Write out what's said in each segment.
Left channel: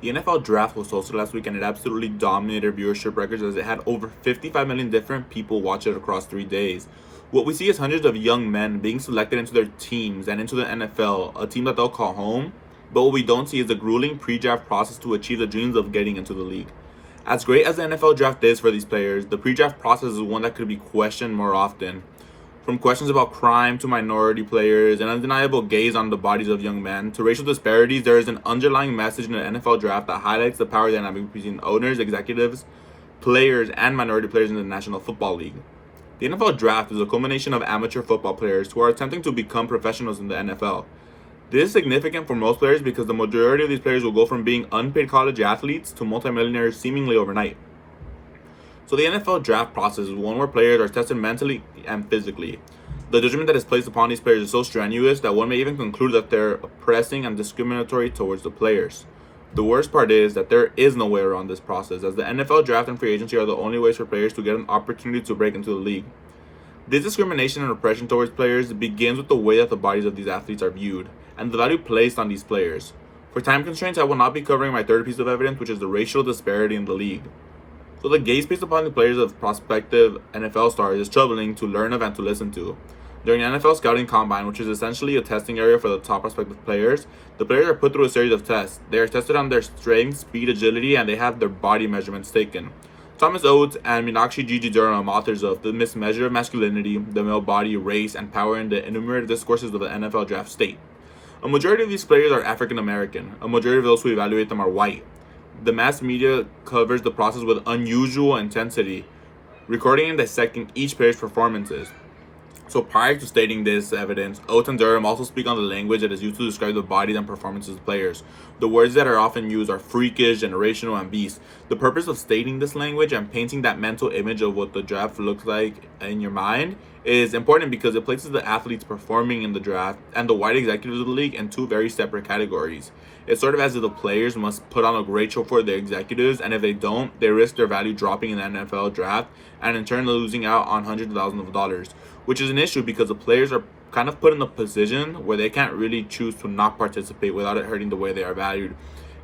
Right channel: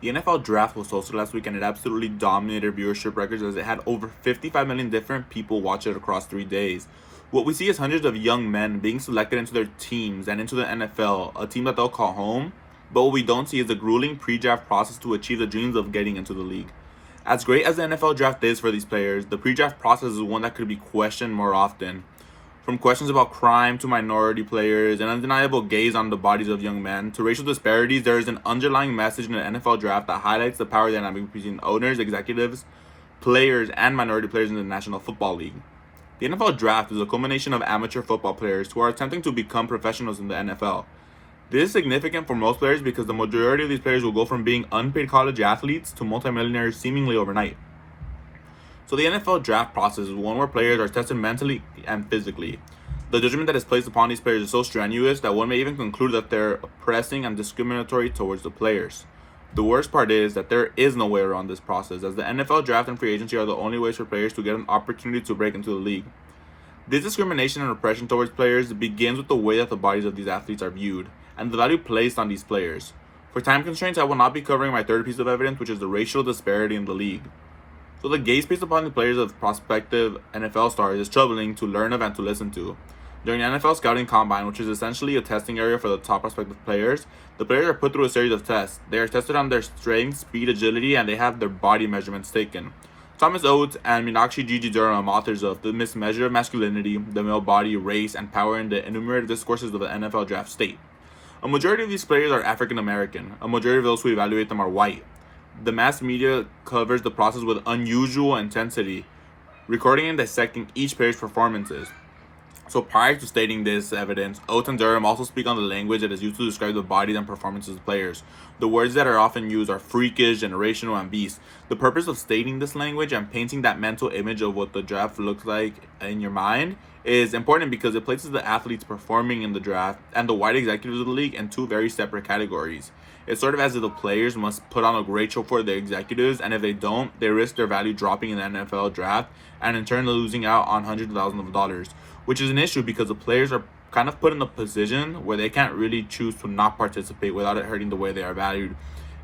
The NFL draft was hosted last week and it absolutely dominated viewership records as it had over 55 million different people watch it across 3 days. What we see is hundreds of young men being selected into their teams and into the NFL, a team that they'll call home. But what we don't see is the grueling pre-draft process to achieve the dreams of getting into the league. As great as the NFL draft is for these players, the pre-draft process is one that could be questioned more often. From questions about crime to minority players, an undeniable gaze on the bodies of young men, to racial disparities, there is an underlying message in the NFL draft that highlights the power dynamic between owners, executives, players, and minority players in the National Football League. The NFL draft is a culmination of amateur football players who are attempting to become professionals in the NFL. This is significant for most players because the majority of these players will go from being unpaid college athletes to multimillionaires seemingly overnight. So the NFL draft process is one where players are tested mentally and physically. The judgment that is placed upon these players is so strenuous that one may even conclude that they're oppressing and discriminatory towards the players. The worst part is that there is no way around this process, as the NFL draft and free agency are the only ways for players to get an opportunity to break into the league. This discrimination and oppression towards players begins with the way that the bodies of these athletes are viewed, and the value placed on these players. For time constraints, I will not be covering my third piece of evidence, which is the racial disparity in the league. So the gaze placed upon the players of prospective NFL stars is troubling to learn of and to listen to. During the NFL Scouting Combine, which is essentially a testing area for the top prospective players, the players are put through a series of tests. They are tested on their strength, speed, agility, and they have their body measurements taken. Thomas Oates and Meenakshi Gigi Durham, authors of The Mismeasure of Masculinity, The Male Body, Race, and Power in the Enumerated Discourses of the NFL Draft, state. A majority of these players are African American. A majority of those who evaluate them are white. The mass media covers the process with unusual intensity, recording and dissecting each player's performances. So prior to stating this evidence, Oates and Durham also speak on the language that is used to describe the bodies and performances of players. The words that are often used are freakish, generational, and beast. The purpose of stating this language and painting that mental image of what the draft looks like in your mind is important because it places the athletes performing in the draft and the white executives of the league in two very separate categories. It's sort of as if the players must put on a great show for their executives, and if they don't, they risk their value dropping in the NFL draft and in turn losing out on hundreds of thousands of dollars, which is an issue because the players are kind of put in a position where they can't really choose to not participate without it hurting the way they are valued.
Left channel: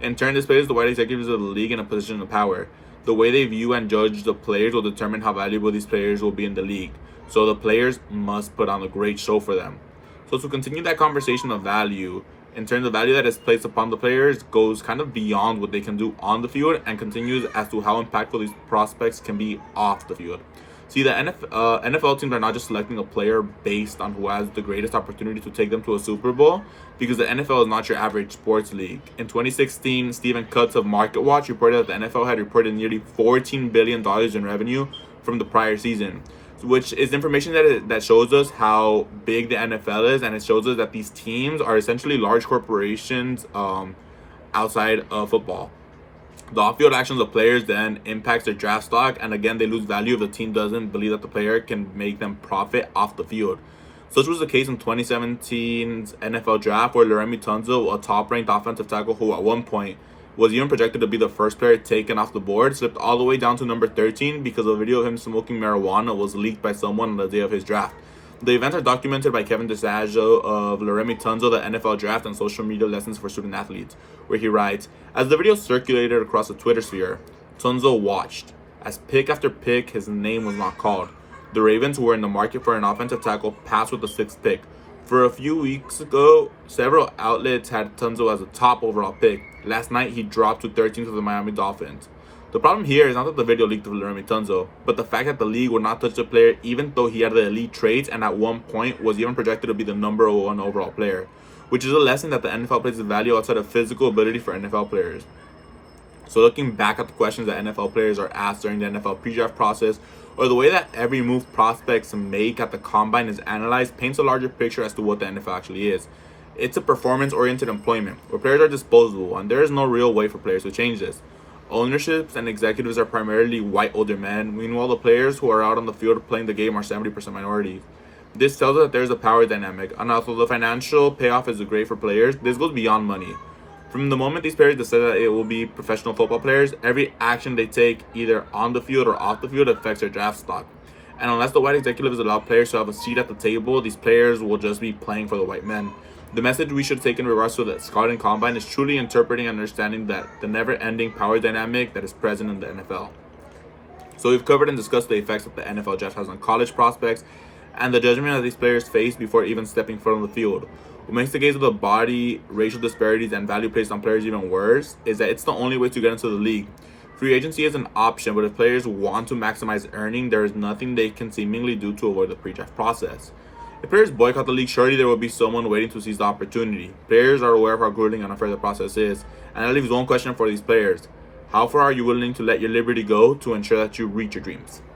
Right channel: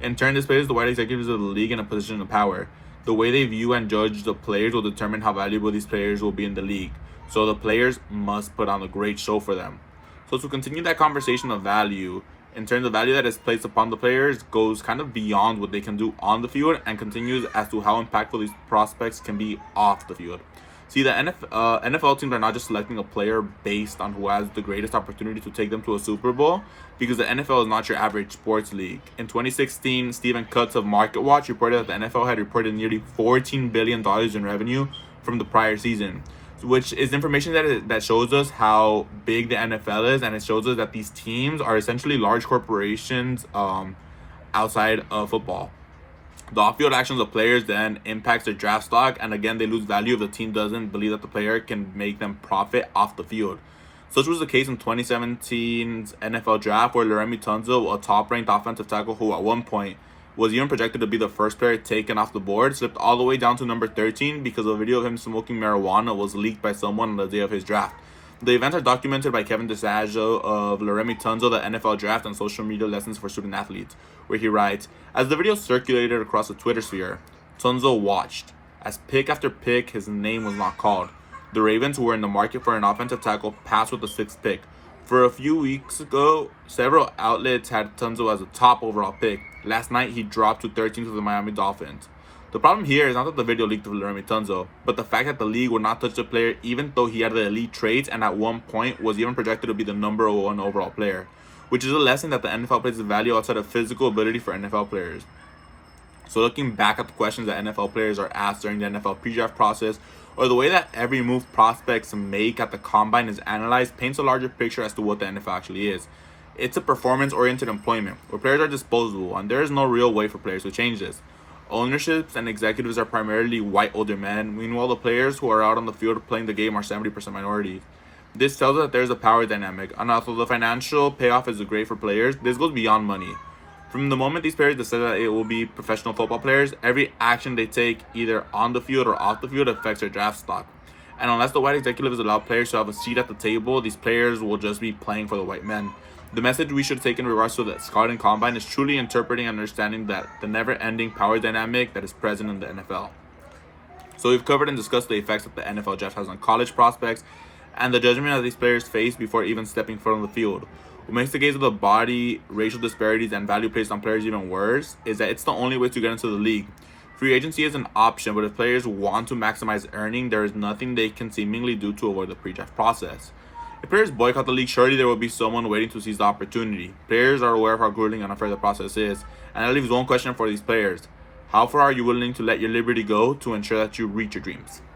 In turn, this places the white executives of the league in a position of power. The way they view and judge the players will determine how valuable these players will be in the league. So the players must put on a great show for them. So to continue that conversation of value, in terms of value that is placed upon the players, goes kind of beyond what they can do on the field and continues as to how impactful these prospects can be off the field. See, the NFL teams are not just selecting a player based on who has the greatest opportunity to take them to a Super Bowl, because the NFL is not your average sports league. In 2016, Stephen Cutts of MarketWatch reported that the NFL had reported nearly $14 billion in revenue from the prior season, which is information that shows us how big the NFL is, and it shows us that these teams are essentially large corporations outside of football. The off-field actions of players then impacts their draft stock, and again, they lose value if the team doesn't believe that the player can make them profit off the field. Such was the case in 2017's NFL draft, where Laremy Tunsil, a top-ranked offensive tackle who at one point was even projected to be the first player taken off the board, slipped all the way down to number 13 because a video of him smoking marijuana was leaked by someone on the day of his draft. The events are documented by Kevin DeSaggio of Laremy Tunsil, the NFL Draft and Social Media Lessons for Student Athletes, where he writes, as the video circulated across the Twitter sphere, Tunsil watched. As pick after pick, his name was not called. The Ravens, who were in the market for an offensive tackle, passed with the 6th pick. For a few weeks ago, several outlets had Tunsil as a top overall pick. Last night, he dropped to 13th with the Miami Dolphins. The problem here is not that the video leaked of Laremy Tunsil, but the fact that the league would not touch the player even though he had the elite traits and at one point was even projected to be the number 1 overall player, which is a lesson that the NFL places value outside of physical ability for NFL players. So looking back at the questions that NFL players are asked during the NFL pre-draft process, or the way that every move prospects make at the combine is analyzed, paints a larger picture as to what the NFL actually is. It's a performance-oriented employment, where players are disposable, and there is no real way for players to change this. Ownerships and executives are primarily white older men. Meanwhile, the players who are out on the field playing the game are 70% minorities. This tells us that there's a power dynamic, and although the financial payoff is great for players, this goes beyond money. From the moment these players decide that it will be professional football players, every action they take, either on the field or off the field, affects their draft stock. And unless the white executives allow players to have a seat at the table, these players will just be playing for the white men. The message we should take in regards to the scouting combine is truly interpreting and understanding that the never-ending power dynamic that is present in the NFL. So we've covered and discussed the effects that the NFL draft has on college prospects and the judgment that these players face before even stepping foot on the field. What makes the case of the body, racial disparities, and value placed on players even worse is that it's the only way to get into the league. Free agency is an option, but if players want to maximize earning, there is nothing they can seemingly do to avoid the pre-draft process. If players boycott the league, surely there will be someone waiting to seize the opportunity. Players are aware of how grueling and unfair the process is, and that leaves one question for these players. How far are you willing to let your liberty go to ensure that you reach your dreams?